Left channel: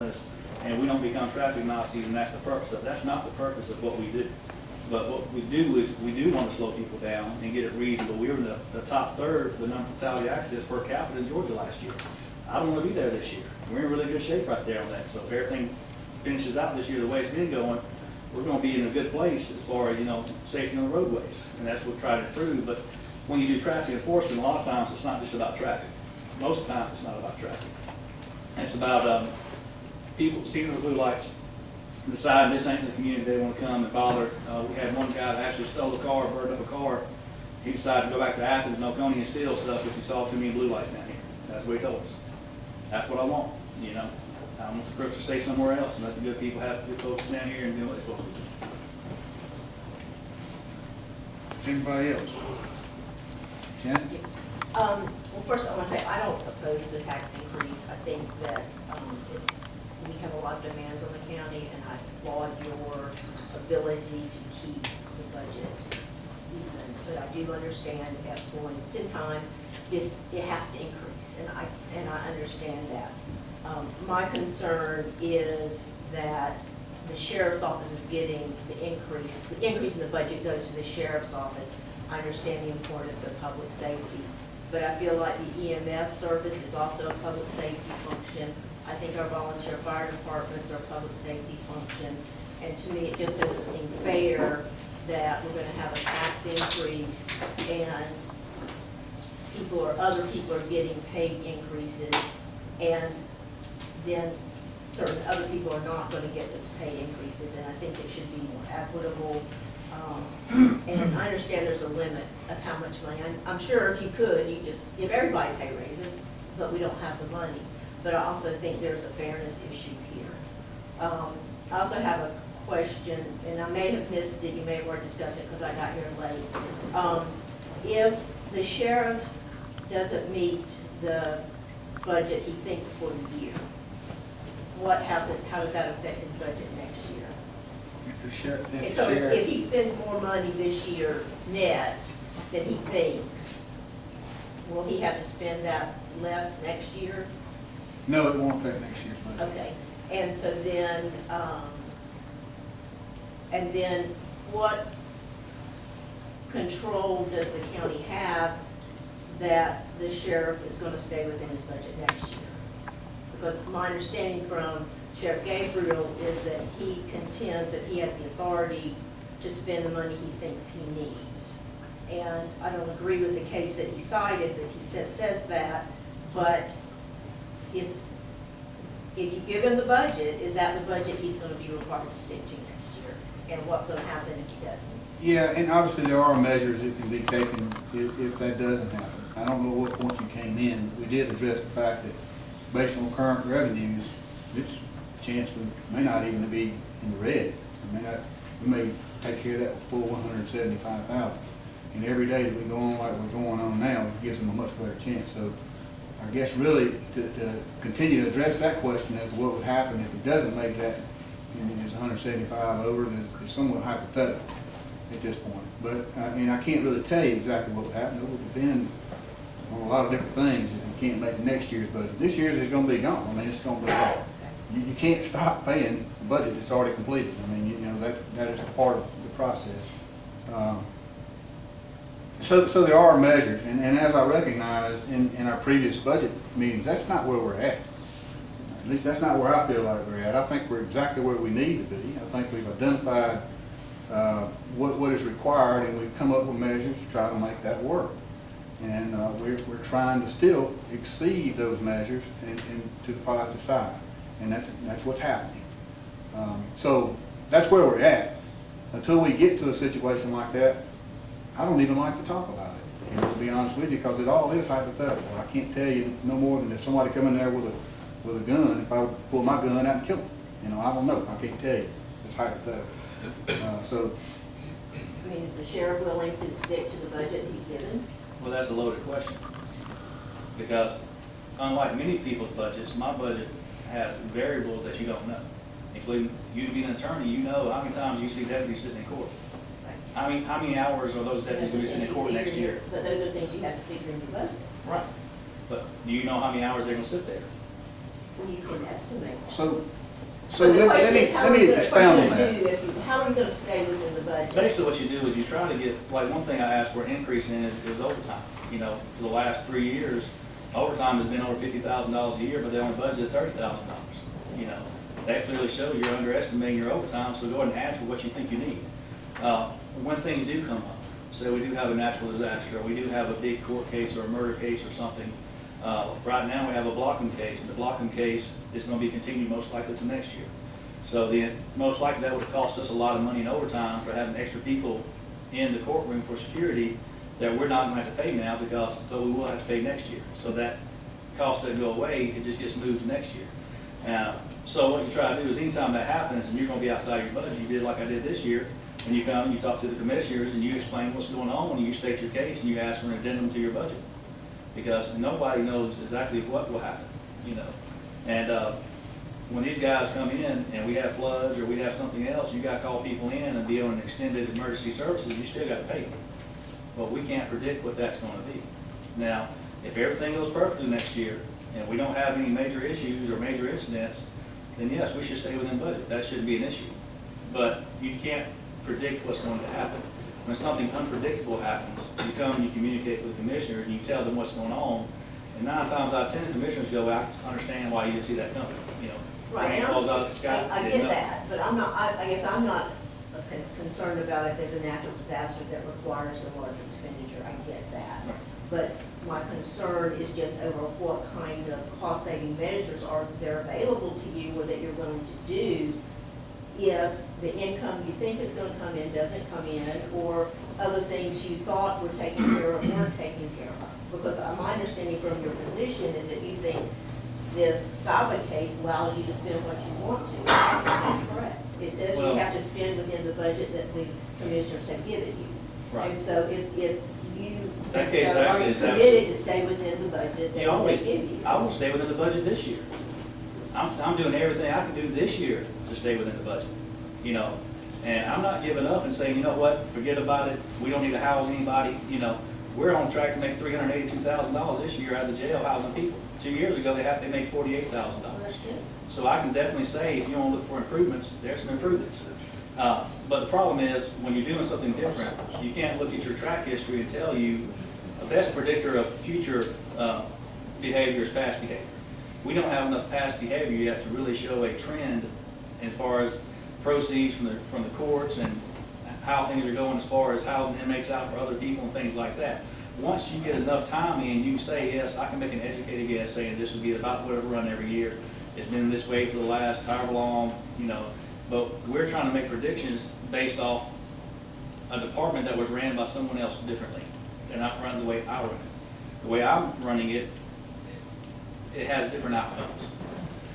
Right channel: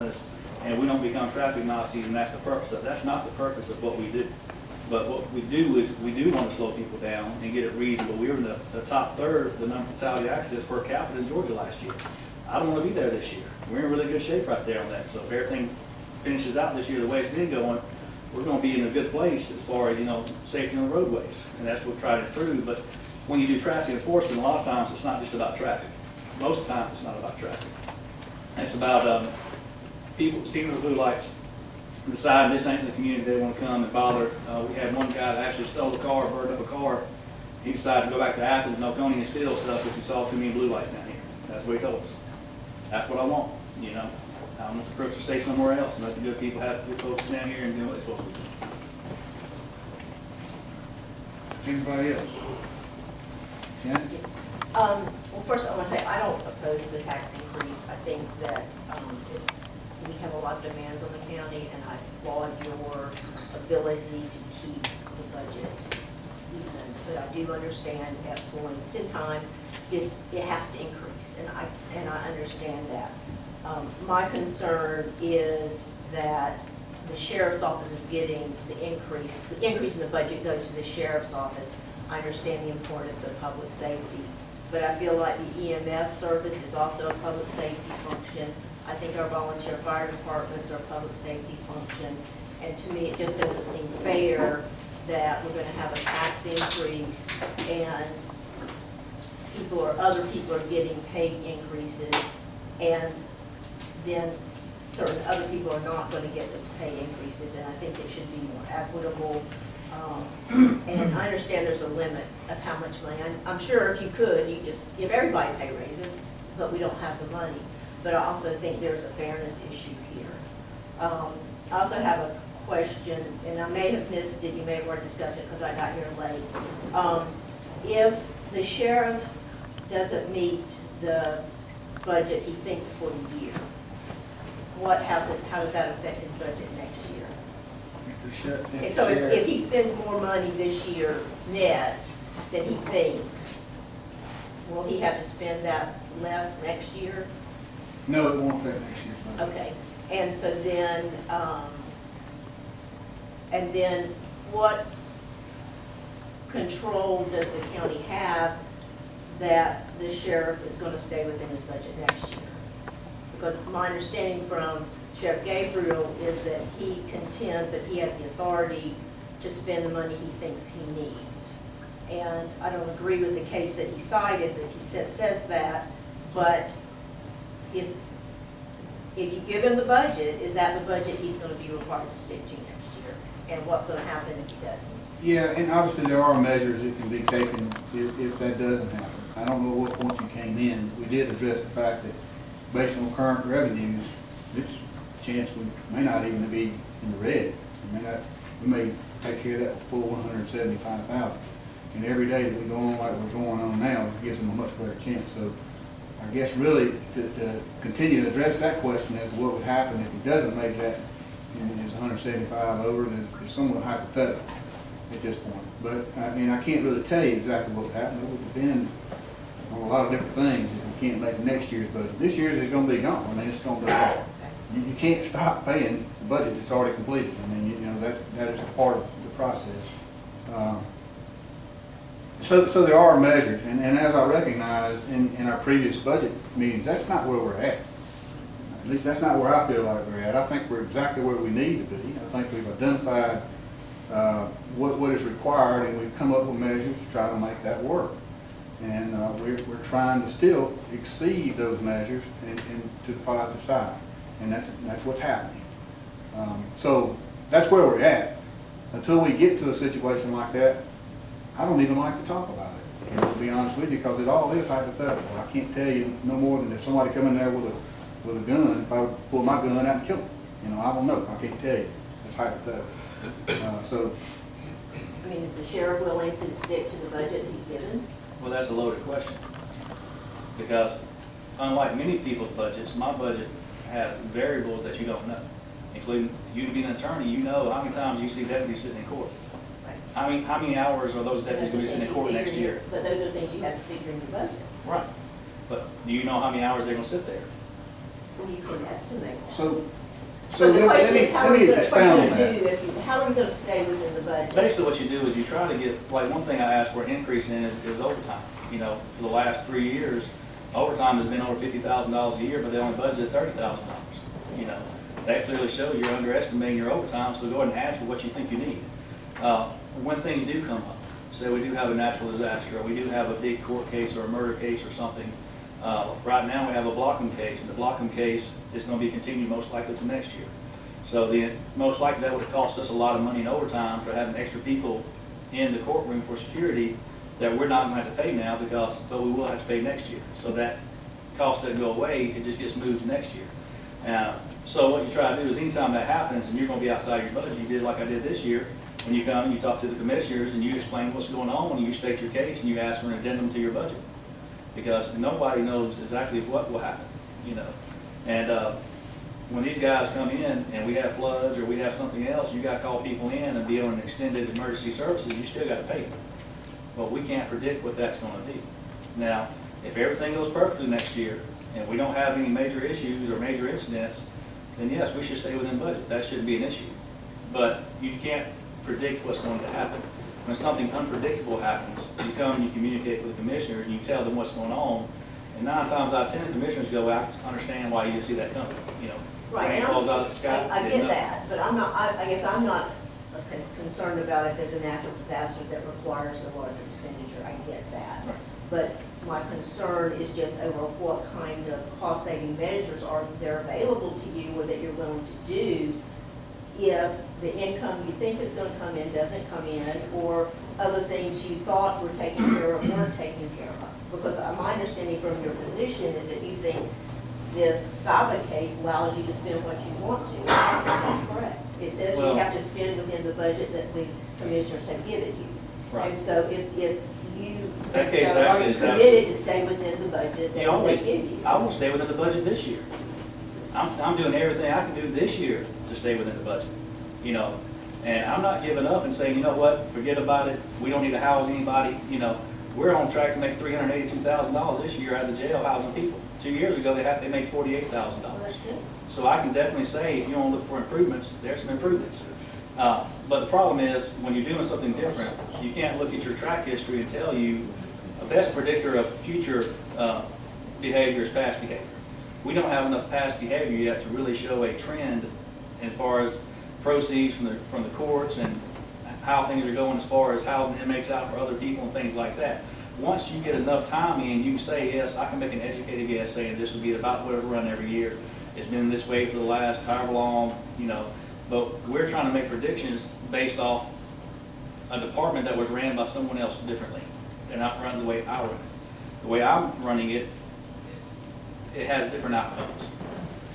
and we don't become traffic Nazis, and that's the purpose of it. That's not the purpose of what we do. But what we do is we do want to slow people down and get it reasonable. We were in the top third for the number of fatality accidents per capita in Georgia last year. I don't want to be there this year. We're in really good shape right there on that. So if everything finishes out this year the way it's been going, we're going to be in a good place as far as, safety on the roadways. And that's what we're trying to improve. But when you do traffic enforcement, a lot of times it's not just about traffic. Most of the time it's not about traffic. It's about people seeing the blue lights, deciding this ain't the community they want to come and bother. We had one guy that actually stole a car, burned up a car. He decided to go back to Athens and Oconee and steal stuff because he saw too many blue lights down here. That's what he told us. That's what I want, I want the crooks to stay somewhere else and let the good people have good folks down here and do what they're supposed to do. Anybody else? Janet? Well, first I want to say I don't oppose the tax increase. I think that we have a lot of demands on the county, and I applaud your ability to keep the budget even. But I do understand at points in time it has to increase, and I understand that. My concern is that the sheriff's office is getting the increase. The increase in the budget goes to the sheriff's office. I understand the importance of public safety, but I feel like the EMS service is also a public safety function. I think our volunteer fire departments are a public safety function, and to me it just doesn't seem fair that we're going to have a tax increase and other people are getting paid increases, and then certain other people are not going to get those pay increases, and I think it should be more equitable. And I understand there's a limit of how much money. I'm sure if you could, you just give everybody pay raises, but we don't have the money. But I also think there's a fairness issue here. I also have a question, and I may have missed it, you may have already discussed it because I got here late. If the sheriff's doesn't meet the budget he thinks for the year, how does that affect his budget next year? So if he spends more money this year net than he thinks, will he have to spend that less next year? No, it won't affect next year's budget. Okay, and so then what control does the county have that the sheriff is going to stay within his budget next year? Because my understanding from Sheriff Gabriel is that he contends that he has the authority to spend the money he thinks he needs. And I don't agree with the case that he cited that he says that, but if you give him the budget, is that the budget he's going to be required to stick to next year? And what's going to happen if he doesn't? Yeah, and obviously there are measures that can be taken if that doesn't happen. I don't know what point you came in. We did address the fact that based on current revenues, it's a chance we may not even be in the red. We may take care of that with full 175,000. And every day that we go on like we're going on now, it gives them a much better chance. So I guess really to continue to address that question as to what would happen if he doesn't make that and is 175 over is somewhat hypothetical at this point. But I can't really tell you exactly what would happen. It would depend on a lot of different things if we can't make next year's budget. This year's is going to be gone. It's going to be gone. You can't stop paying the budget that's already completed. That is part of the process. So there are measures, and as I recognized in our previous budget meetings, that's not where we're at. At least that's not where I feel like we're at. I think we're exactly where we need to be. I think we've identified what is required, and we've come up with measures to try to make that work. And we're trying to still exceed those measures and to the positive side, and that's what's happening. So that's where we're at. Until we get to a situation like that, I don't even like to talk about it, and to be honest with you, because it all is hypothetical. I can't tell you no more than if somebody come in there with a gun, if I would pull my gun out and kill them. I don't know. I can't tell you. It's hypothetical. Is the sheriff willing to stick to the budget he's given? Well, that's a loaded question. Because unlike many people's budgets, my budget has variables that you don't know. Including you being an attorney, you know how many times you see deputies sitting in court. Right. How many hours are those deputies going to be sitting in court next year? But those are things you have to figure in your budget. Right. But do you know how many hours they're going to sit there? Well, you can estimate that. So But the let question me, is, how let are me you gonna, what are expound you on gonna that. do if you, how are you gonna stay within the budget? Basically, what you do is you try to get, like, one thing I asked for an increase in is overtime. You know, for the last 3 years, overtime has been over $50,000 a year, but they only budgeted $30,000. You know, that clearly shows you're underestimating your overtime, so go ahead and ask for what you think you need. When things do come up, say we do have a natural disaster, or we do have a big court case or a murder case or something, right now we have a blocking case, and the blocking case is gonna be continued most likely to next year. So most likely that would have cost us a lot of money in overtime for having extra people in the courtroom for security that we're not gonna have to pay now but we will have to pay next year. So that cost doesn't go away, it just gets moved to next year. So what you try to do is anytime that happens and you're gonna be outside your budget, you did like I did this year, when you come and you talk to the commissioners and you explain what's going on and you state your case and you ask for an addendum to your budget. Because nobody knows exactly what will happen, you know. And when these guys come in and we have floods or we have something else, you gotta call people in and be on an extended emergency services, you still gotta pay them. But we can't predict what that's gonna be. Now, if everything goes perfectly next year and we don't have any major issues or major incidents, then yes, we should stay within budget. That shouldn't be an issue. But you can't predict what's going to happen. When something unpredictable happens, you come and you communicate with the commissioner and you tell them what's going on. And 9 times out of 10, the commissioners go, I understand why you didn't see that coming, you know. Right, Rain and falls out of the sky. I didn't get know. that, but I'm not, I guess I'm not concerned about if there's a natural disaster that requires a larger expenditure, I get that. Right. But my concern is just over what kind of cost-saving measures are there available to you or that you're willing to do if the income you think is gonna come in doesn't come in, or other things you thought were taken care of weren't taken care of. Because my understanding from your position is that you think this Saba case allows you to spend what you want to. That's correct. It says you Well- have to spend within the budget that the commissioners have given you. Right. And so if you, That and case so are actually you is committed to stay within the budget Yeah, that they give you? I will stay within the budget this year. I'm doing everything I can do this year to stay within the budget, you know. And I'm not giving up and saying, you know what, forget about it, we don't need to house anybody, you know. We're on track to make $382,000 this year out of the jail housing people. 2 years ago, they made $48,000. Well, that's good. So I can definitely say, if you want to look for improvements, there's some improvements. But the problem is, when you're doing something different, you can't look at your track history and tell you the best predictor of future behavior is past behavior. We don't have enough past behavior yet to really show a trend as far as proceeds from the courts and how things are going as far as housing inmates out for other people and things like that. Once you get enough time in, you can say, yes, I can make an educated guess saying this will be about whatever run every year. It's been this way for the last however long, you know. But we're trying to make predictions based off a department that was ran by someone else differently. They're not run the way I run it. The way I'm running it, it has different outcomes.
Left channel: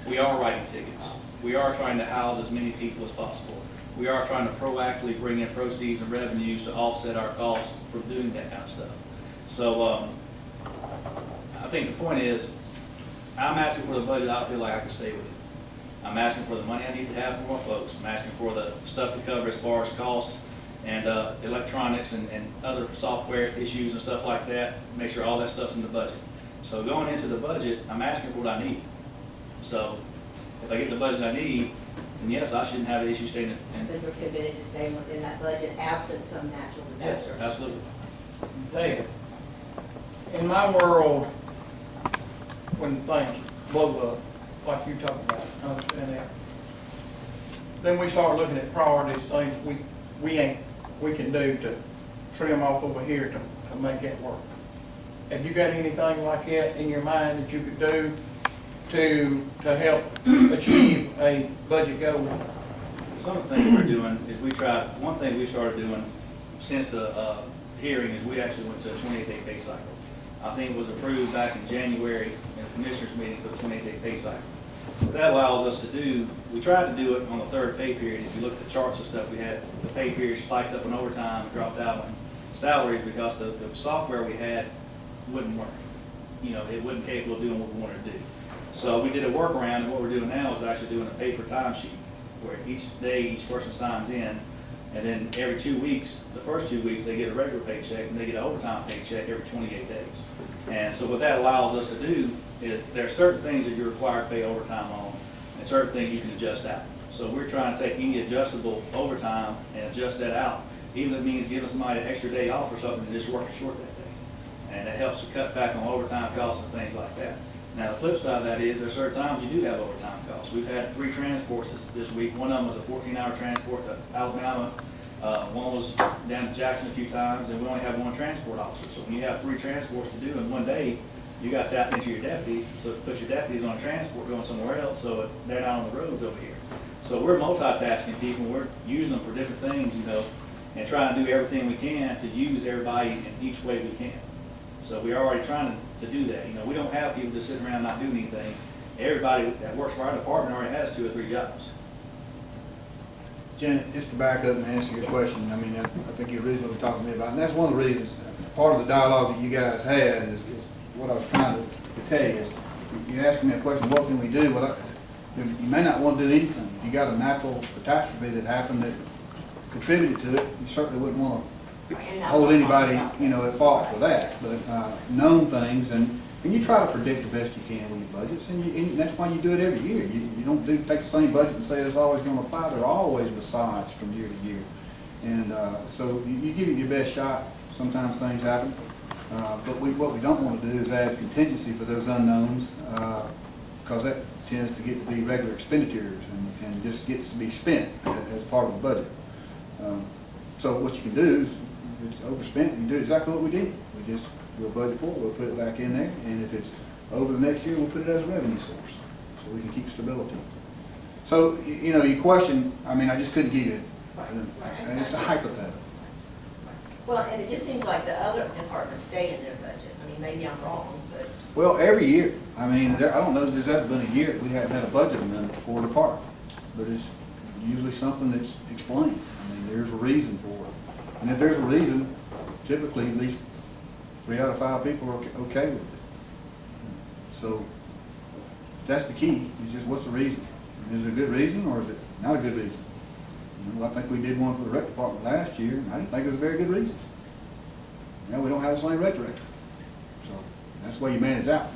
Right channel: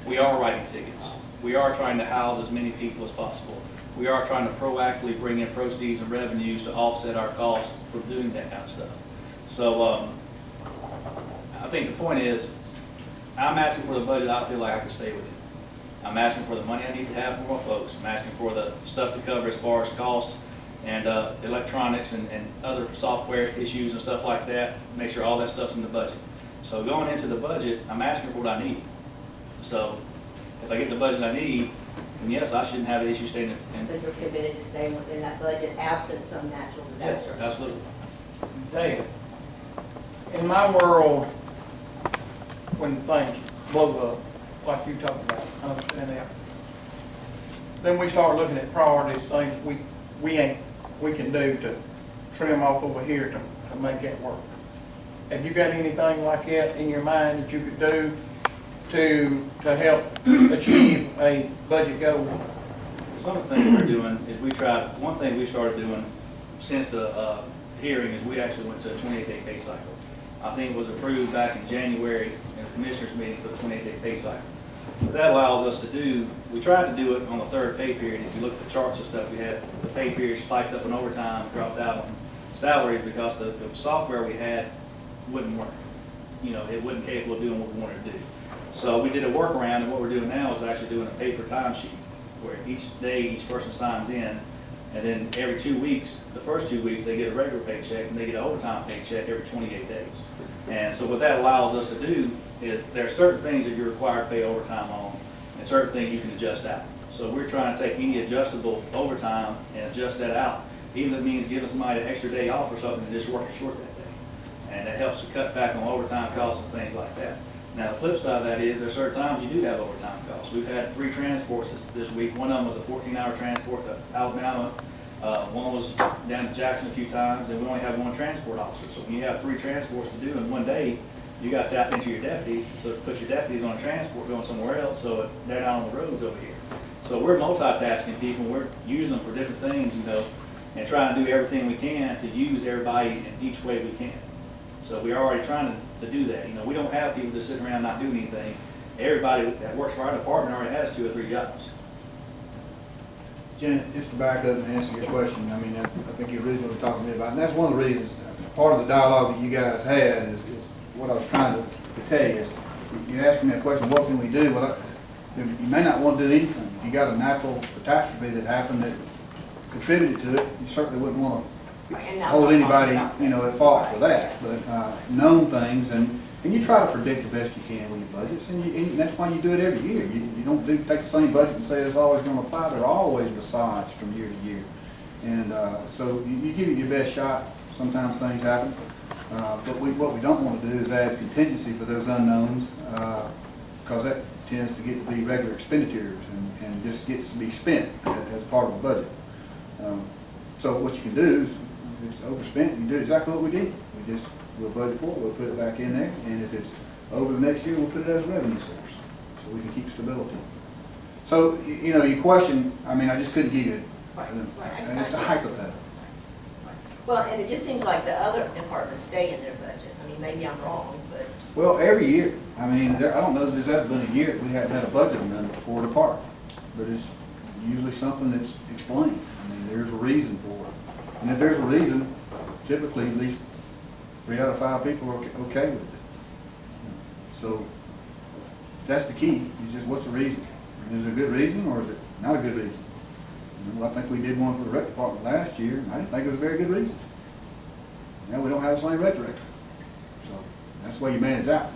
We are writing tickets. We are trying to house as many people as possible. We are trying to proactively bring in proceeds and revenues to offset our costs for doing that kind of stuff. So I think the point is, I'm asking for the budget I feel like I can stay with it. I'm asking for the money I need to have for more folks. I'm asking for the stuff to cover as far as costs and electronics and other software issues and stuff like that. Make sure all that stuff's in the budget. So going into the budget, I'm asking for what I need. So if I get the budget I need, then yes, I shouldn't have an issue staying in. So you're committed to staying within that budget absent some natural Yes, disasters? absolutely. Dave, in my world, when things blow up, like you talking about, I understand that. Then we start looking at priorities, things we can do to trim off over here to make it work. Have you got anything like that in your mind that you could do to help achieve a budget goal? Some of the things we're doing is one thing we started doing since the hearing is we actually went to a 28-day pay cycle. I think it was approved back in January in the commissioners meeting for the 28-day pay cycle. What that allows us to do, we tried to do it on the third pay period. If you look at the charts and stuff, we had the pay period spiked up in overtime, dropped out on salaries because the software we had wouldn't work. You know, it wasn't capable of doing what we wanted to do. So we did a workaround, and what we're doing now is actually doing a paper timesheet where each day each person signs in, and then every 2 weeks, the first 2 weeks, they get a regular paycheck and they get an overtime paycheck every 28 days. And so what that allows us to do is there are certain things that you're required to pay overtime on, and certain things you can adjust out. So we're trying to take any adjustable overtime and adjust that out, even if it means giving somebody an extra day off or something and just work short that day. And it helps to cut back on overtime costs and things like that. Now, the flip side of that is there's certain times you do have overtime costs. We've had 3 transports this week. One of them was a 14-hour transport to Alabama. One was down to Jackson a few times, and we only have 1 transport officer. So when you have 3 transports to do in one day, you got to tap into your deputies. So to put your deputies on a transport going somewhere else, so they're not on the roads over here. So we're multitasking people. We're using them for different things, you know, and trying to do everything we can to use everybody in each way we can. So we're already trying to do that. You know, we don't have people just sitting around not doing anything. Everybody that works for our department already has 2 or 3 jobs. Janet, just to back up and answer your question, I mean, I think you originally were talking to me about, and that's one of the reasons, part of the dialogue that you guys had is what I was trying to tell you is, you're asking me a question, what can we do? Well, you may not want to do anything. If you got a natural catastrophe that happened that contributed to it, you certainly wouldn't want to hold anybody, you know, at fault for that. But known things, and you try to predict the best you can with your budgets, and that's why you do it every year. You don't take the same budget and say it's always going to apply. There are always besides from year to year. And so you give it your best shot. Sometimes things happen. But what we don't want to do is add contingency for those unknowns, because that tends to get to be regular expenditures and just gets to be spent as part of the budget. So what you can do is, if it's overspent, you do exactly what we did. We'll budget for it, we'll put it back in there, and if it's over the next year, we'll put it as a revenue source, so we can keep stability. So, you know, your question, I mean, I just couldn't give you, and it's a hypothetical. Well, and it just seems like the other departments stay in their budget. I mean, maybe I'm wrong, but. Well, every year, I mean, I don't know that there's ever been a year that we haven't had a budget amendment for a department, but it's usually something that's explained. I mean, there's a reason for it. And if there's a reason, typically at least 3 out of 5 people are okay with it. So that's the key, is just what's the reason? Is it a good reason or is it not a good reason? You know, I think we did one for the rec department last year, and I didn't think it was a very good reason. Now we don't have the same rec director. So that's the way you manage that.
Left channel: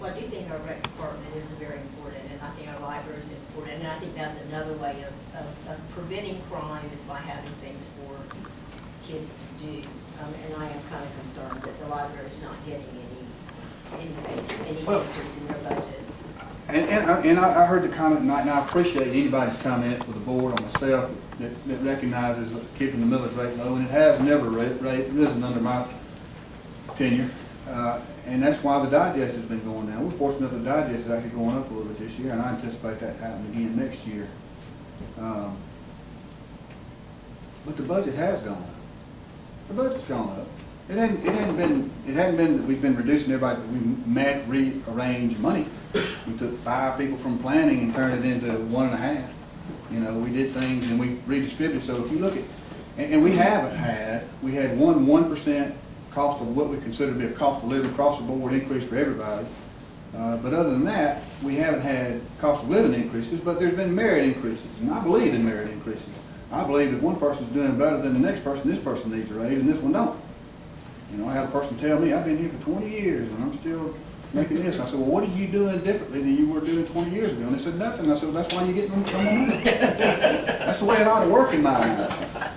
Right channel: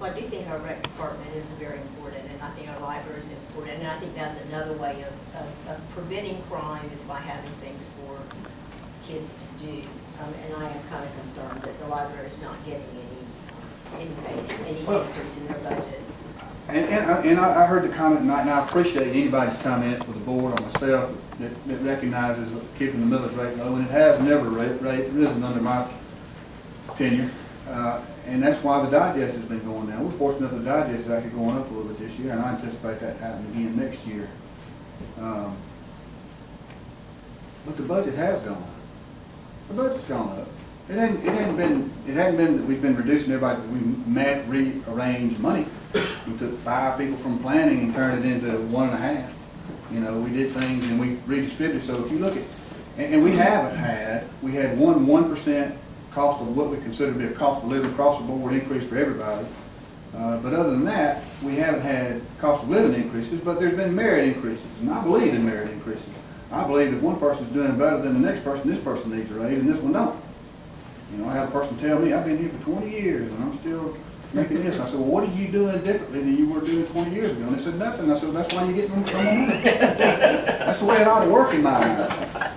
Well, I do think our rec department is very important, and I think our library is important, and I think that's another way of preventing crime is by having things for kids to do. And I am kind of concerned that the library is not getting any increase in their budget. And I heard the comment tonight, and I appreciate anybody's comment for the board or myself that recognizes keeping the millage rate low, and it has never risen under my tenure. And that's why the digest has been going down. We're fortunate that the digest is actually going up a little bit this year, and I anticipate that happening again next year. But the budget has gone up. The budget's gone up. It hadn't been that we've been reducing everybody. We rearranged money. We took 5 people from planning and turned it into 1.5. You know, we did things and we redistributed. So if you look at, and we had 1% cost of what we consider to be a cost of living across the board increase for everybody. But other than that, we haven't had cost of living increases, but there's been merit increases. And I believe in merit increases. I believe if one person's doing better than the next person, this person needs a raise and this one don't. You know, I had a person tell me, I've been here for 20 years and I'm still making this. I said, well, what are you doing differently than you were doing 20 years ago? And they said, nothing. I said, well, that's why you're getting them money. That's the way it ought to work in my eyes.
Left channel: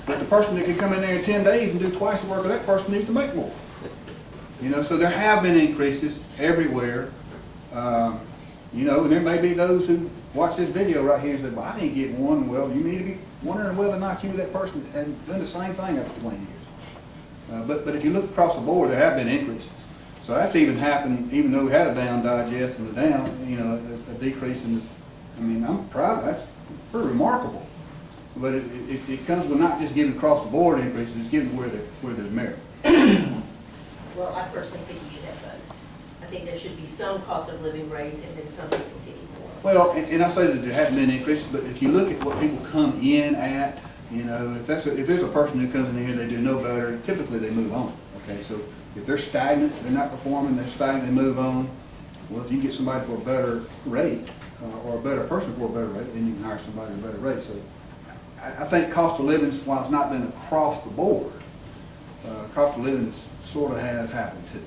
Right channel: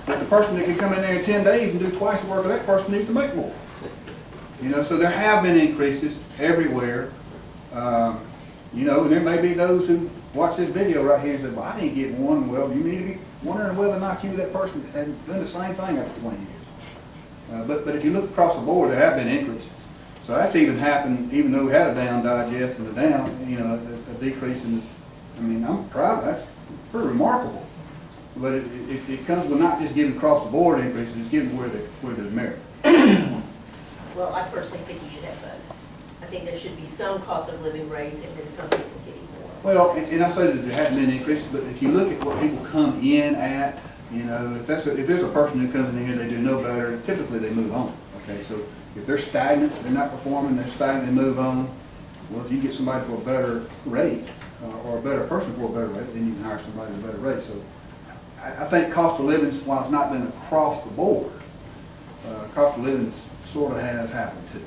But the person that can come in there in 10 days and do twice the work of that person needs to make more. You know, so there have been increases everywhere. You know, and there may be those who watch this video right here and say, well, I didn't get one. Well, you need to be wondering whether or not you were that person that had done the same thing after 20 years. But if you look across the board, there have been increases. So that's even happened, even though we had a down digest and a down, you know, a decrease in the, I mean, I'm proud, that's pretty remarkable. But it comes with not just giving across the board increases, it's giving where there's merit. Well, I personally think you should have both. I think there should be some cost of living raise and then some people getting more. Well, and I say that there haven't been increases, but if you look at what people come in at, you know, if there's a person who comes in here, they do no better, typically they move on. Okay, so if they're stagnant, they're not performing, they're stagnant, they move on. Well, if you get somebody for a better rate, or a better person for a better rate, then you can hire somebody at a better rate. So I think cost of living, while it's not been across the board, cost of living sort of has happened too.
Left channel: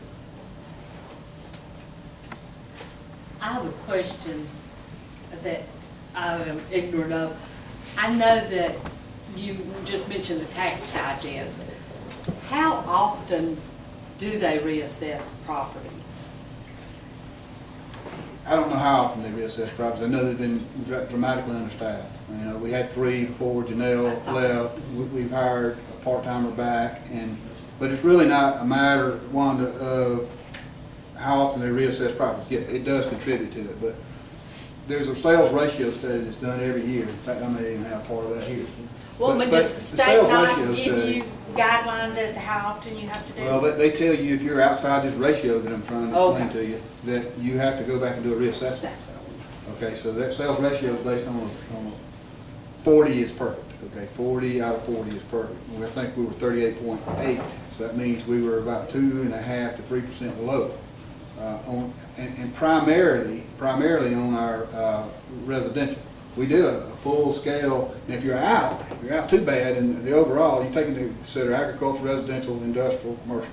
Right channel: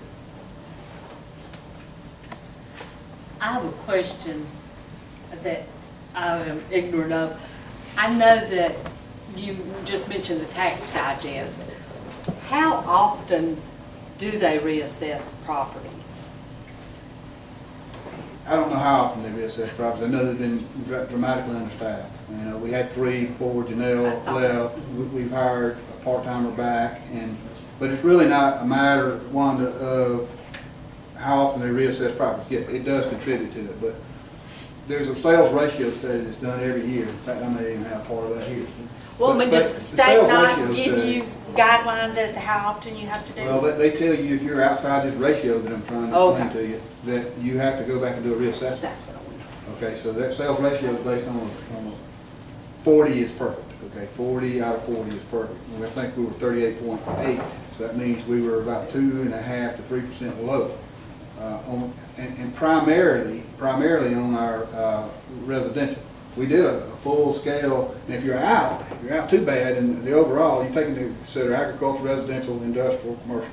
I have a question that I am ignorant of. I know that you just mentioned the tax digest. How often do they reassess properties? I don't know how often they reassess properties. I know they've been dramatically understaffed. You know, we had 3 before I Janelle saw left. We've hired a part-timer back, but it's really not a matter, Wanda, of how often they reassess properties. Yeah, it does contribute to it, but there's a sales ratio study that's done every year. In fact, I may even have part of that here. Well, But- but but does the the state sales not ratio give study- you guidelines as to how often you have to do it? Well, they tell you if you're outside this ratio that I'm trying to explain Okay. to you, that you have to go back and do a reassessment. That's what I want. Okay, so that sales ratio is based on a 40 is perfect, okay? 40 out of 40 is perfect. Well, I think we were 38.8, so that means we were about 2.5% to 3% low. And primarily on our residential. We did a full scale, and if you're out too bad in the overall, you take into consider agricultural, residential, industrial, commercial.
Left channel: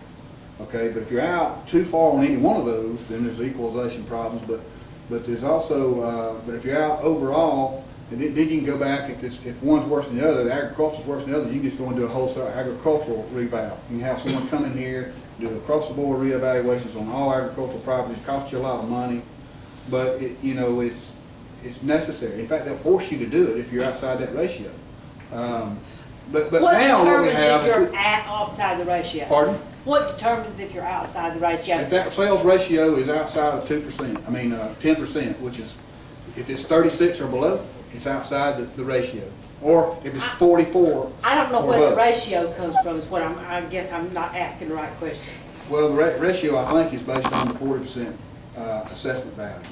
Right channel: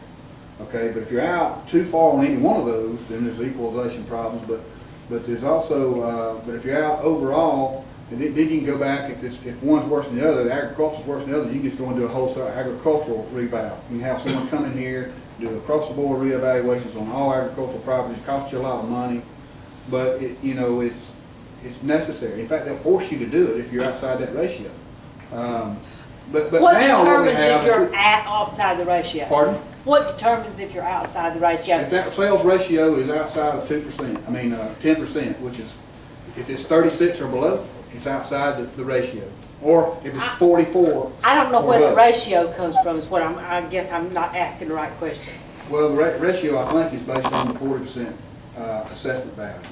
Okay, but if you're out too far on any one of those, then there's equalization problems, but there's also, but if you're out overall, and then you can go back, if one's worse than the other, the agriculture's worse than the other, you can just go and do a wholesale agricultural reval. You can have someone come in here, do across the board reevaluations on all agricultural properties, cost you a lot of money, but it's necessary. In fact, they'll force you to do it if you're outside that ratio. But What now what we determines have if is, you're outside the ratio? pardon? What determines if you're outside the ratio? If that sales ratio is outside of 2%, 10%, which is, if it's 36 or below, it's outside the ratio. Or if it's 44. I don't know or where the above. ratio comes from, is what I guess I'm not asking the right question. Well, the ratio, I think, is based on the 40% assessment values.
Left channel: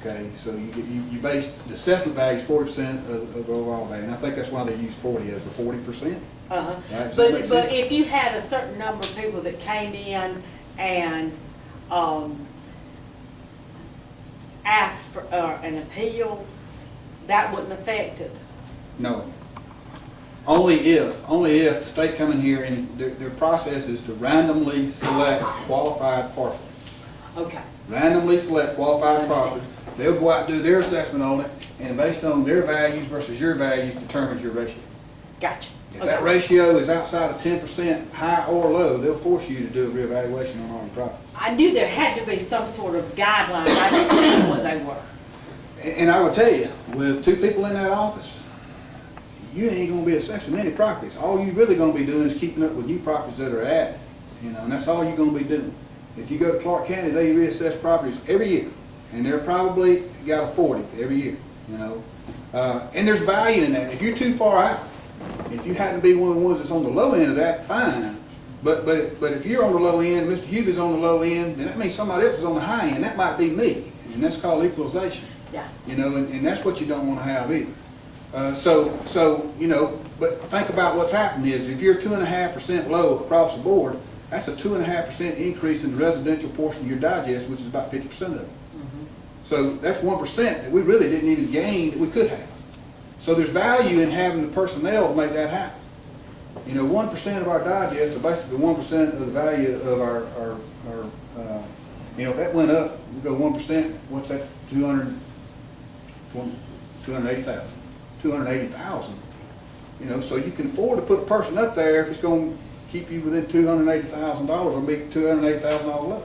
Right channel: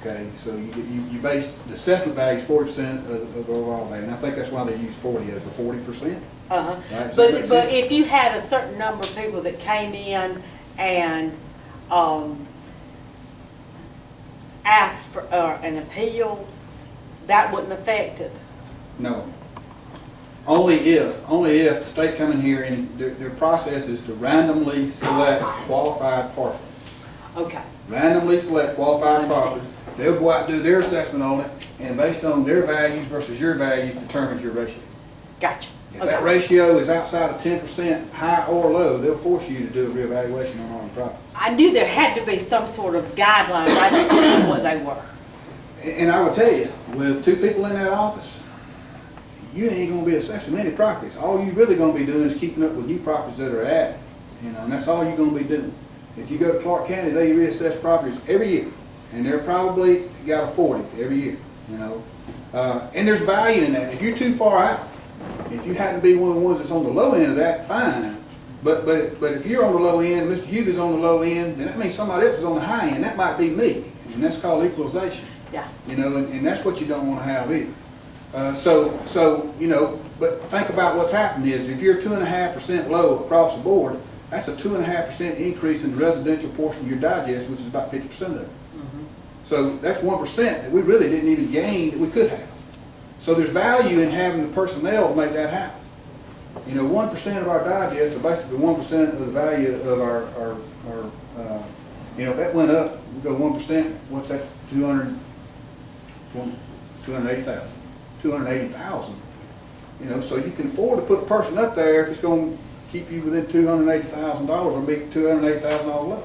Okay, so you base, the assessment value is 40% of the overall value, and I think that's why they use 40 as the 40%. Uh-huh. Right, does that make But sense? if you had a certain number of people that came in and asked for an appeal, that wouldn't affect it? No. Only if the state come in here and their process is to randomly select qualified parcels. Okay. Randomly select I qualified understand. parcels. They'll go out and do their assessment on it, and based on their values versus your values determines your ratio. Gotcha. If that ratio is outside of 10%, high or low, they'll force you to do a reevaluation on all your properties. I knew there had to be some sort of guidelines, I just didn't know what they were. And I would tell you, with 2 people in that office, you ain't gonna be assessing many properties. All you really gonna be doing is keeping up with new properties that are added, and that's all you're gonna be doing. If you go to Clark County, they reassess properties every year, and they're probably got a 40 every year, and there's value in that. If you're too far out, if you happen to be one of the ones that's on the low end of that, fine. But if you're on the low end, Mr. Hubie's on the low end, then that means somebody else is on the high end. That might be me, and that's called equalization. Yeah. And that's what you don't want to have either. But think about what's happened is if you're 2.5% low across the board, that's a 2.5% increase in the residential portion of your digest, which is about 50% of it. So that's 1% that we really didn't even gain that we could have. So there's value in having the personnel to make that happen. 1% of our digest, or basically 1% of the value of our if that went up, we go 1%, what's that, 280,000. 280,000. So you can afford to put a person up there if it's going to keep you within $280,000 or make $280,000 low.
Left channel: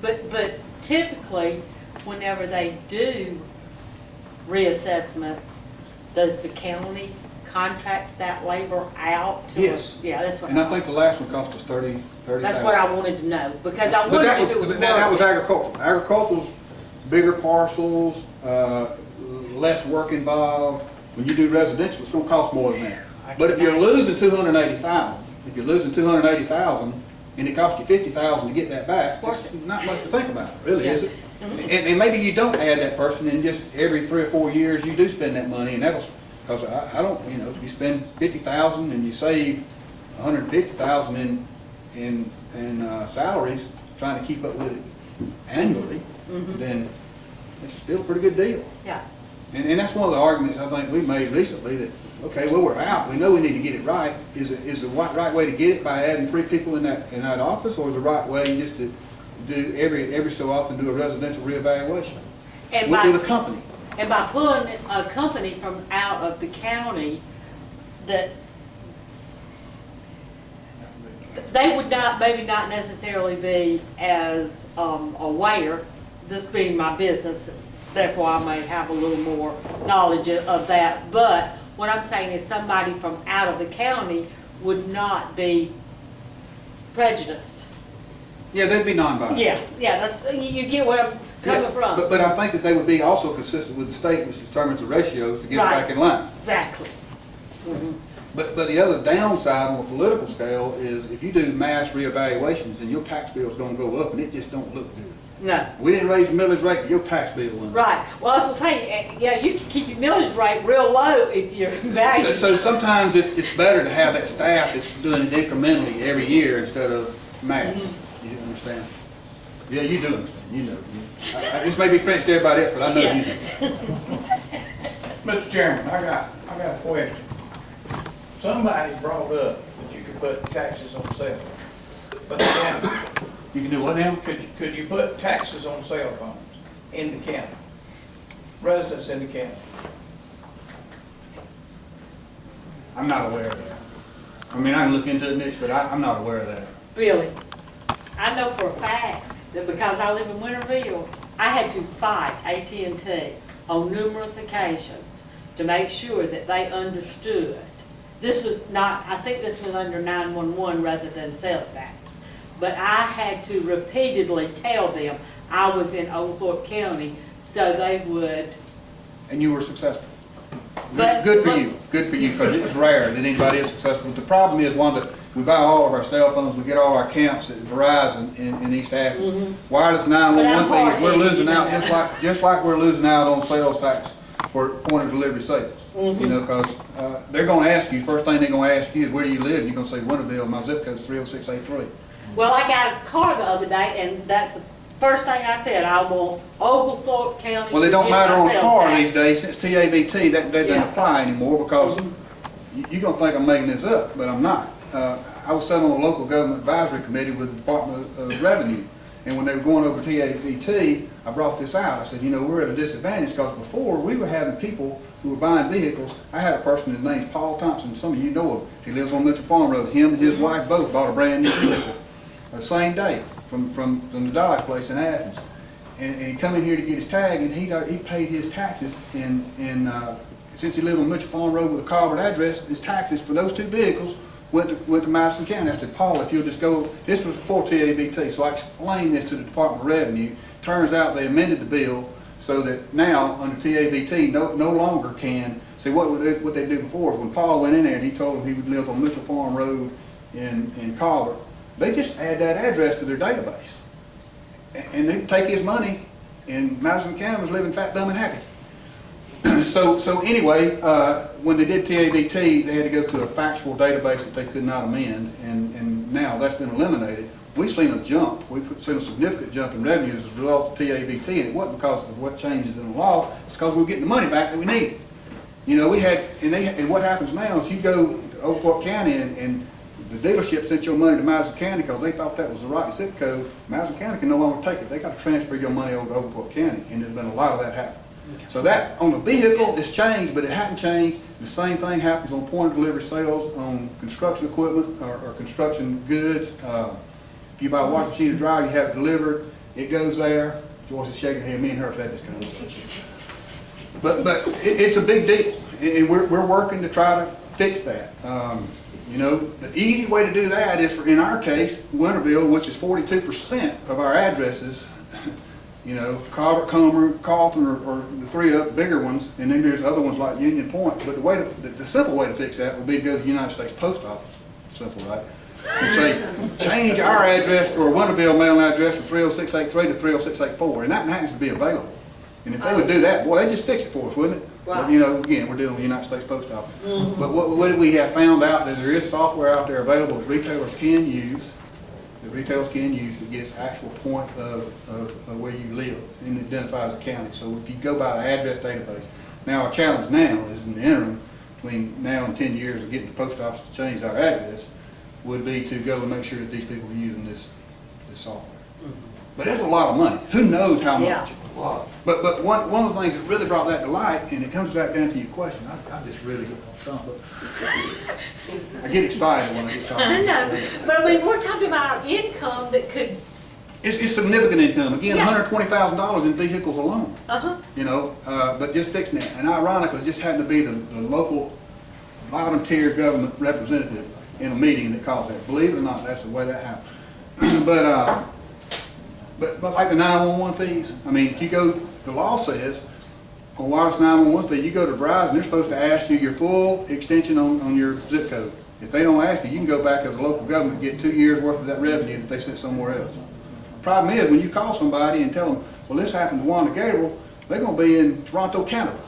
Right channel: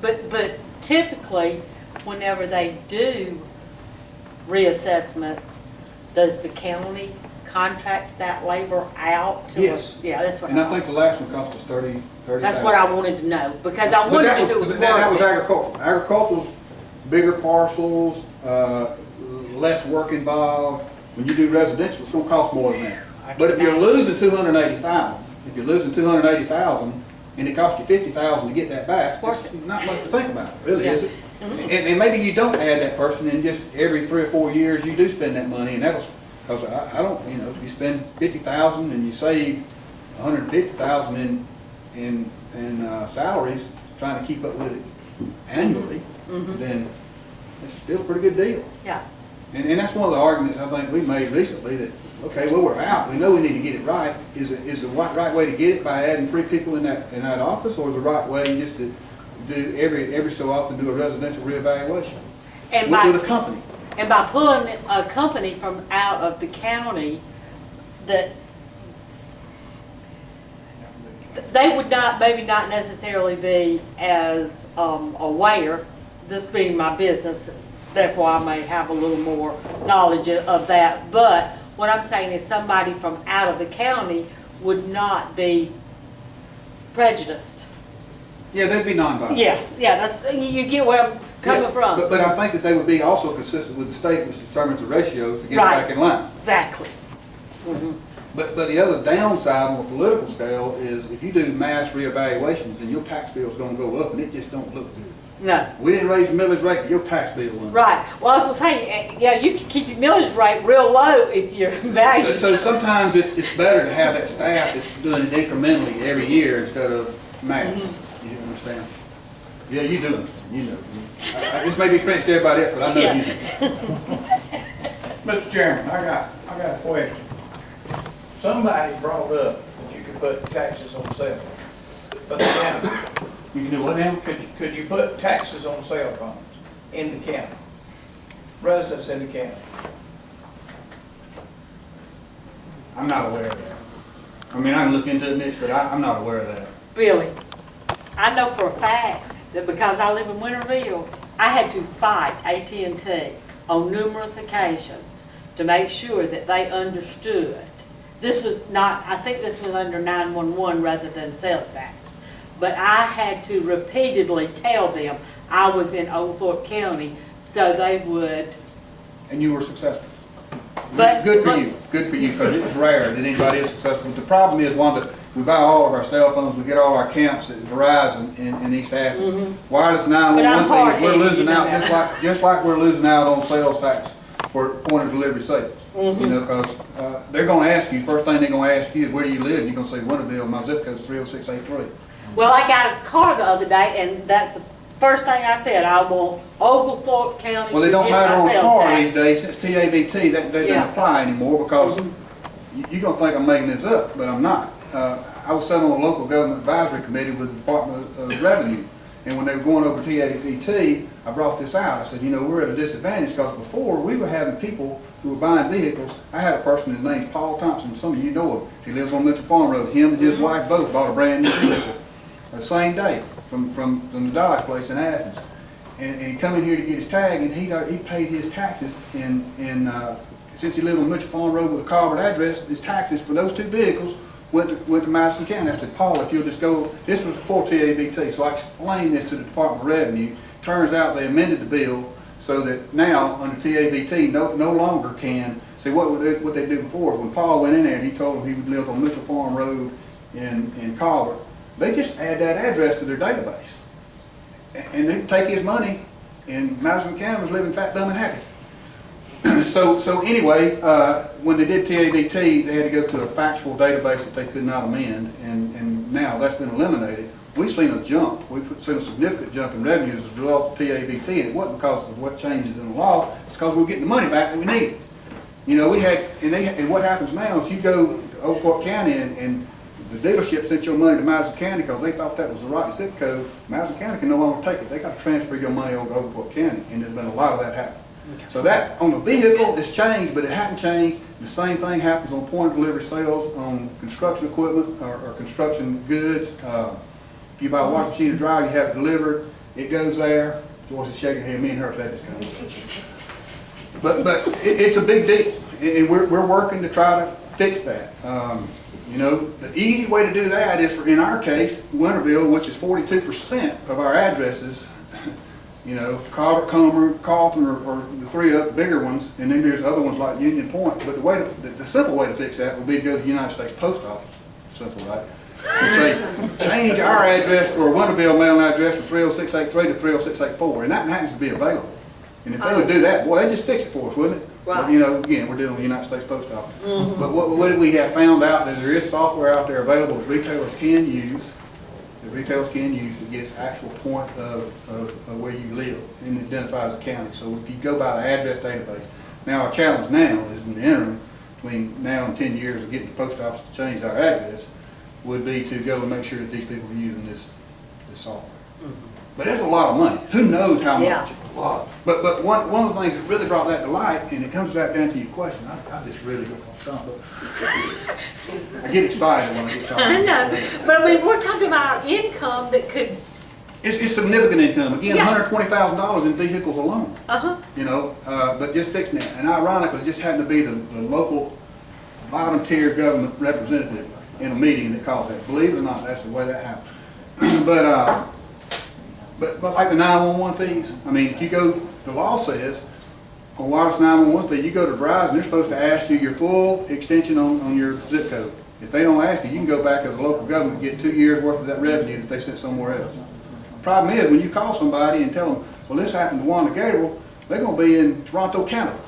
But typically, whenever they do reassessments, does the county contract that labor out to us? Yes. Yeah, that's what And I think the last one cost us $30,000. that's what I wanted to know, because I But wondered that if it was but that was worth it. agricultural. Agricultural's bigger parcels, less work involved. When you do residential, it's gonna cost more than that. I But if can you're imagine. losing 280,000, and it costs you 50,000 to get that back, It's worth it's it. not much to think about, really, Yeah. is it? And maybe you don't add that person, and just every 3 or 4 years you do spend that money, and that'll, because I don't, if you spend 50,000 and you save 150,000 in salaries, trying to keep up with it annually, then it's still a pretty good deal. Yeah, And that's one of the arguments I think we made recently, that, okay, well, we're out, we know we need to get it right. Is the right way to get it by adding 3 people in that office, or is the right way just to do every so often do a residential reevaluation? And with a company. And by pulling a company from out of the county, that they would not, maybe not necessarily be as aware, this being my business, therefore I may have a little more knowledge of that. But what I'm saying is somebody from out of the county would not be prejudiced. Yeah, they'd be non-biased. Yeah, that's, you get where I'm coming Yeah, from. But I think that they would be also consistent with the state, which determines the ratios to get it Right. back in line. Exactly. But the other downside on a political scale is if you do mass reevaluations, then your tax bill is gonna go up and it just don't look good. No. We didn't raise the millage rate, but your tax bill went up. Right. Well, I was gonna say, yeah, you can keep your millage rate real low if your value. So sometimes it's better to have that staff that's doing it incrementally every year instead of mass. You understand? Yeah, you do understand, you know. This may be French to everybody else, but I know you do. Mr. Chairman, I got a question. Somebody brought up that you could put taxes on cell phones. But the county, You can do what now? could you put taxes on cell phones in the county? Residents in the county? I'm not aware of that. I mean, I can look into it, Mitch, but I'm not aware of that. Billy, I know for a fact that because I live in Winterville, I had to fight AT&T on numerous occasions to make sure that they understood. This was not, I think this was under 911 rather than sales tax. But I had to repeatedly tell them I was in Oglethorpe County so they would. And you were successful. But- Good for but- you, because it was rare that anybody is successful. But the problem is, Wanda, we buy all of our cell phones, we get all our accounts at Verizon in East Athens. Wireless But I'm 911 things, we're hard-headed, losing you know out that. just like we're losing out on sales tax for point of delivery sales. Mm-hmm. You know, because they're gonna ask you, first thing they're gonna ask you is, where do you live? And you're gonna say Winterville, my zip code's 30683. Well, I got a car the other day and that's the first thing I said. I want Oglethorpe County Well, it to don't get matter my on a sales car tax. these days, since TAVT, that doesn't Yeah. apply anymore, because you're gonna think I'm making this up, but I'm not. I was sitting on a local government advisory committee with the Department of Revenue, and when they were going over TAVT, I brought this out. I said, you know, we're at a disadvantage, because before, we were having people who were buying vehicles. I had a person, his name's Paul Thompson, some of you know him. He lives on Mitchell Farm Road. Him and his wife both bought a brand new vehicle the same day from the Dodge place in Athens. And he come in here to get his tag, and he paid his taxes since he lived on Mitchell Farm Road with a Carver address, his taxes for those two vehicles went to Madison County. I said, Paul, if you'll just go, this was before TAVT, so I explained this to the Department of Revenue. Turns out they amended the bill so that now under TAVT no longer can, see what they did before is when Paul went in there and he told them he would live on Mitchell Farm Road in Carver, they just add that address to their database. And they take his money, and Madison County was living fat, dumb, and happy. So anyway, when they did TAVT, they had to go to a factual database that they could not amend, and now that's been eliminated. We've seen a jump. We've seen a significant jump in revenues as a result of TAVT, and it wasn't because of what changes in the law. It's because we were getting the money back that we needed. You know, we had, and what happens now is you go to Oglethorpe County, and the dealership sent your money to Madison County because they thought that was the right zip code. Madison County can no longer take it. They got to transfer your money over to Oglethorpe County, and there's been a lot of that happen. So that, on the vehicle, it's changed, but it hadn't changed. The same thing happens on point of delivery sales, on construction equipment or construction goods. If you buy a washing machine or dryer, you have it delivered, it goes there. Joyce is shaking her head, me and her have had this conversation. But it's a big deal, and we're working to try to fix that. You know, the easy way to do that is, in our case, Winterville, which is 42% of our addresses, you know, Carver, Comer, Carlton, or the three other bigger ones, and then there's other ones like Union Point. But the simple way to fix that would be to go to the United States Post Office. Simple, right? And say, change our address or Winterville mailing address from 30683 to 30684, and that happens to be available. And if they would do that, boy, they'd just fix it for us, wouldn't it? Right. But, you know, again, we're dealing with the United States Post Office. But what we have found out that there is software out there available that retailers can use, that gets actual point of where you live and identifies the county. So if you go by the address database, now our challenge now is in the interim, between now and 10 years of getting the post office to change our address, would be to go and make sure that these people are using this software. But there's a lot of money. Who knows how Yeah. much? Wow. But one of the things that really brought that to light, and it comes back down to your question, I just really got on stump, but I get excited when I get talking. I know, but I mean, we're talking about income that could, It's significant income. Again, Yeah. $120,000 in vehicles alone. uh-huh, You know, but just fixing that. And ironically, it just happened to be the local bottom tier government representative in a meeting that caused that. Believe it or not, that's the way that happened. But like the 911 fees, I mean, if you go, the law says, on wireless 911 fee, you go to Verizon, they're supposed to ask you your full extension on your zip code. If they don't ask you, you can go back as a local government and get 2 years worth of that revenue that they sent somewhere else. Problem is, when you call somebody and tell them, well, this happened to Wanda Gabriel, they're gonna be in Toronto, Canada.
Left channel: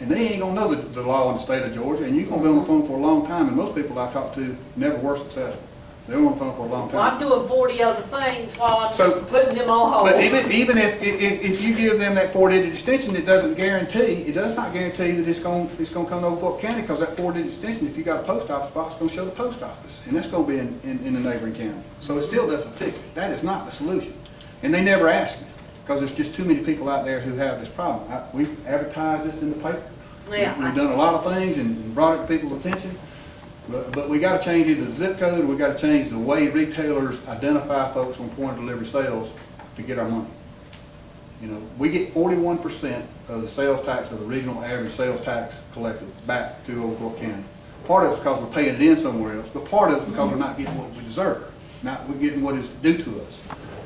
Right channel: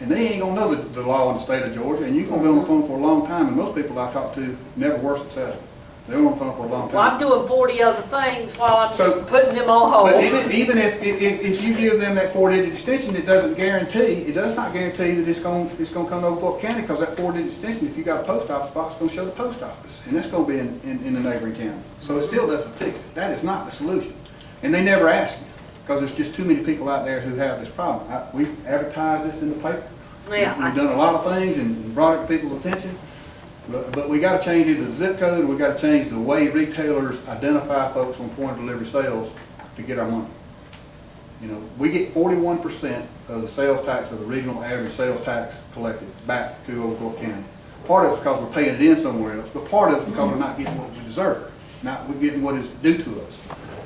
And they ain't gonna know the law in the state of Georgia, and you're gonna be on the phone for a long time, and most people I talk to never were successful. They were on the phone for a long well, I'm time. doing 40 other things while So- I'm putting them on hold. But even if you give them that 4-digit extension, it does not guarantee that it's gonna come to Oglethorpe County, because that 4-digit extension, if you got a post office box, it's gonna show the post office, and that's gonna be in the neighboring county. So it still doesn't fix it. That is not the solution. And they never ask me, because there's just too many people out there who have this problem. We've advertised this in the paper. Yeah, We've done a lot of things and brought it to people's attention, but we gotta change either the zip code, or we gotta change the way retailers identify folks on point of delivery sales to get our money. You know, we get 41% of the sales tax, of the regional average sales tax collected back to Oglethorpe County. Part of it's because we're paying it in somewhere else, but part of it's because we're not getting what we deserve, not we're getting what is due to us.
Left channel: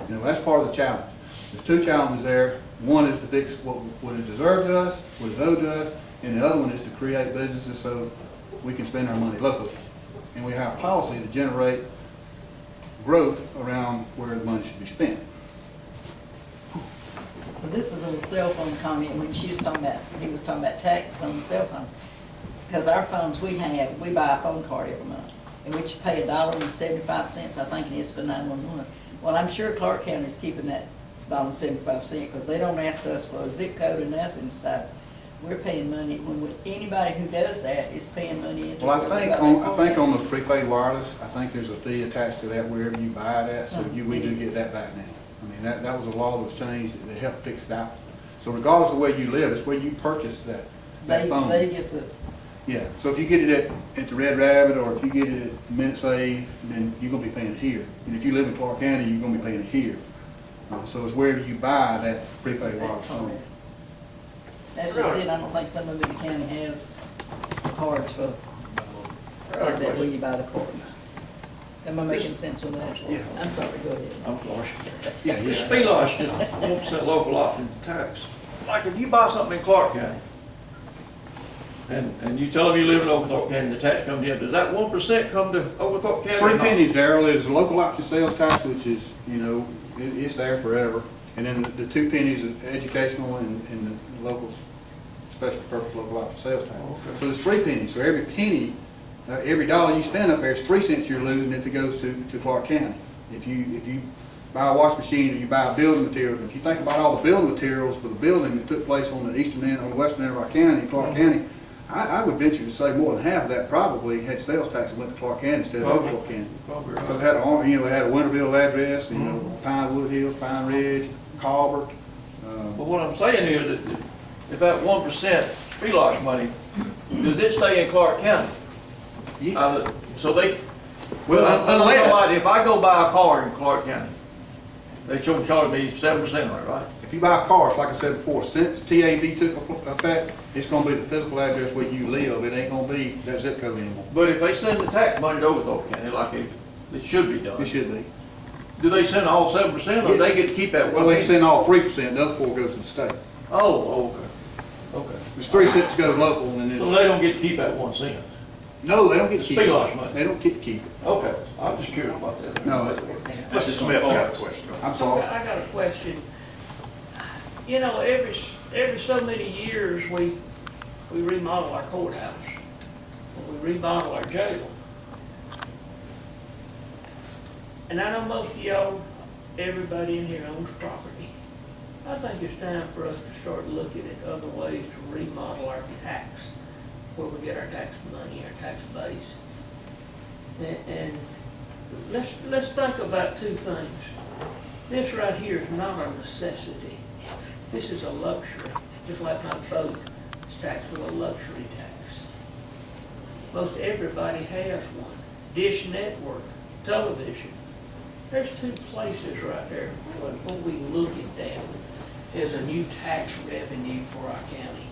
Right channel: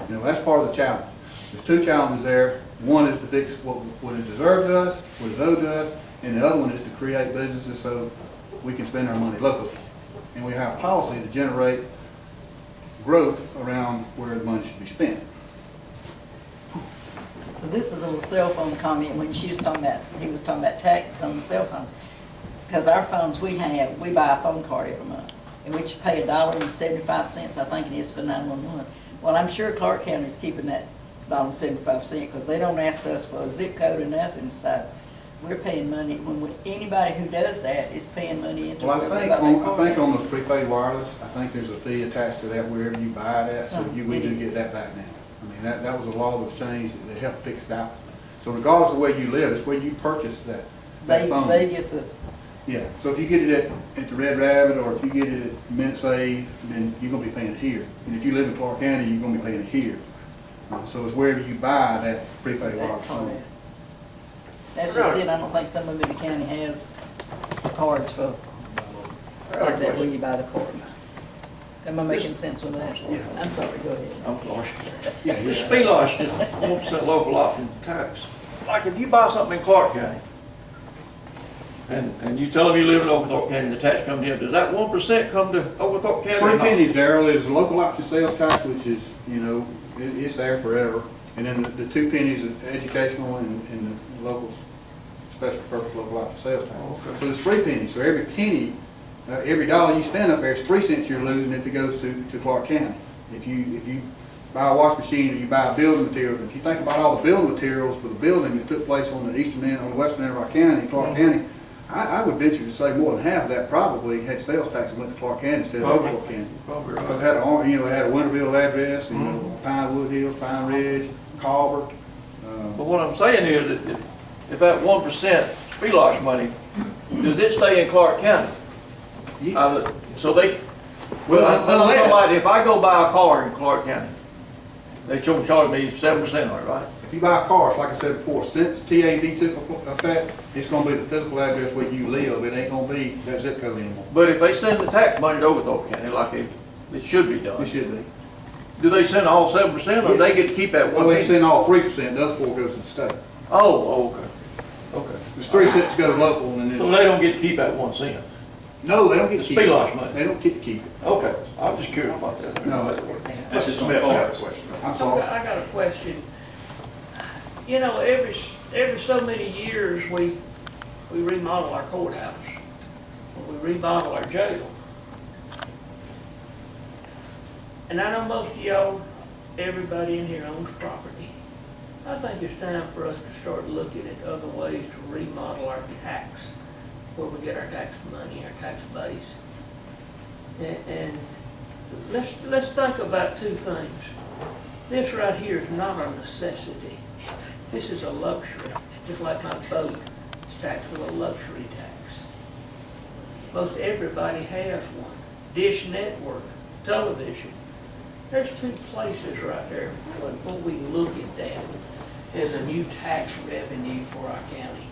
You know, that's part of the challenge. There's two challenges there. One is to fix what is deserved to us, what is owed to us, and the other one is to create businesses so we can spend our money locally. And we have policy to generate growth around where the money should be spent. Well, this is a little cell phone comment when she was talking about, he was talking about taxes on the cell phone. Because our phones we have, we buy a phone card every month, and we should pay $1.75, I think it is, for 911. Well, I'm sure Clark County is keeping that $1.75, because they don't ask us for a zip code or nothing, so we're paying money. Anybody who does that is paying money into. Well, I think on those prepaid wireless, I think there's a fee attached to that wherever you buy it at, so we do get that back now. I mean, that was a law that was changed that helped fix that. So regardless of where you live, it's where you purchase that phone. They get the, Yeah, so if you get it at the Red Rabbit, or if you get it at Minute Save, then you're gonna be paying it here. And if you live in Clark County, you're gonna be paying it here. So it's wherever you buy that prepaid wireless phone. that's just it. I don't think some of the county has cards for, like that, where you buy the cards. Am I making sense with that? Yeah. I'm sorry, go ahead. I'm sorry. Yeah, This yeah. Millage is 1% local option tax. Like if you buy something in Clark County, and you tell them you live in Oglethorpe County, the tax comes in, does that 1% come to Oglethorpe County? It's or 3 not? pennies, Darrell. There's a local option sales tax, which is, you know, it's there forever. And then the 2 pennies of educational and the local special purpose local option sales tax. Okay. So there's 3 pennies. So every penny, every dollar you spend up there is 3 cents you're losing if it goes to Clark County. If you buy a wash machine, or you buy building materials, if you think about all the building materials for the building that took place on the eastern end, on the western end of our county, Clark County, I would venture to say more than half of that probably had sales tax that went to Clark County instead of Probably. Oglethorpe County. Probably right. Because it had a, you know, it had a Winterville address, you know, Pinewood Hills, Pine Ridge, Colbert. But what I'm saying is that if that 1% Millage money, does it stay in Clark County? Yes. So they, Well, unless, somebody, if I go buy a car in Clark County, they charge me 7% on it, right? if you buy cars, like I said before, since TAB took effect, it's gonna be the physical address where you live. It ain't gonna be that zip code anymore. But if they send the tax money to Oglethorpe County, like it should be done, It should be. do they send all 7%, or they get to keep that Well, 1%? they send all 3%, the other 4 goes to the state. Oh, okay, okay. There's 3 cents goes local, and then So it's, they don't get to keep that 1 cent? no, they don't get to It's keep it. Millage money. They don't get to keep it. Okay, I'm just curious about that. No. Mrs. Smith got a question. I'm sorry. I got a question. You know, every so many years, we remodel our courthouse, or we remodel our jail. And I know most of y'all, everybody in here owns property. I think it's time for us to start looking at other ways to remodel our tax, where we get our tax money, our tax base. And let's think about 2 things. This right here is not a necessity. This is a luxury, just like my boat is taxed with a luxury tax. Most everybody has one. Dish Network, television. There's two places right there, what we look at that as a new tax revenue for our county.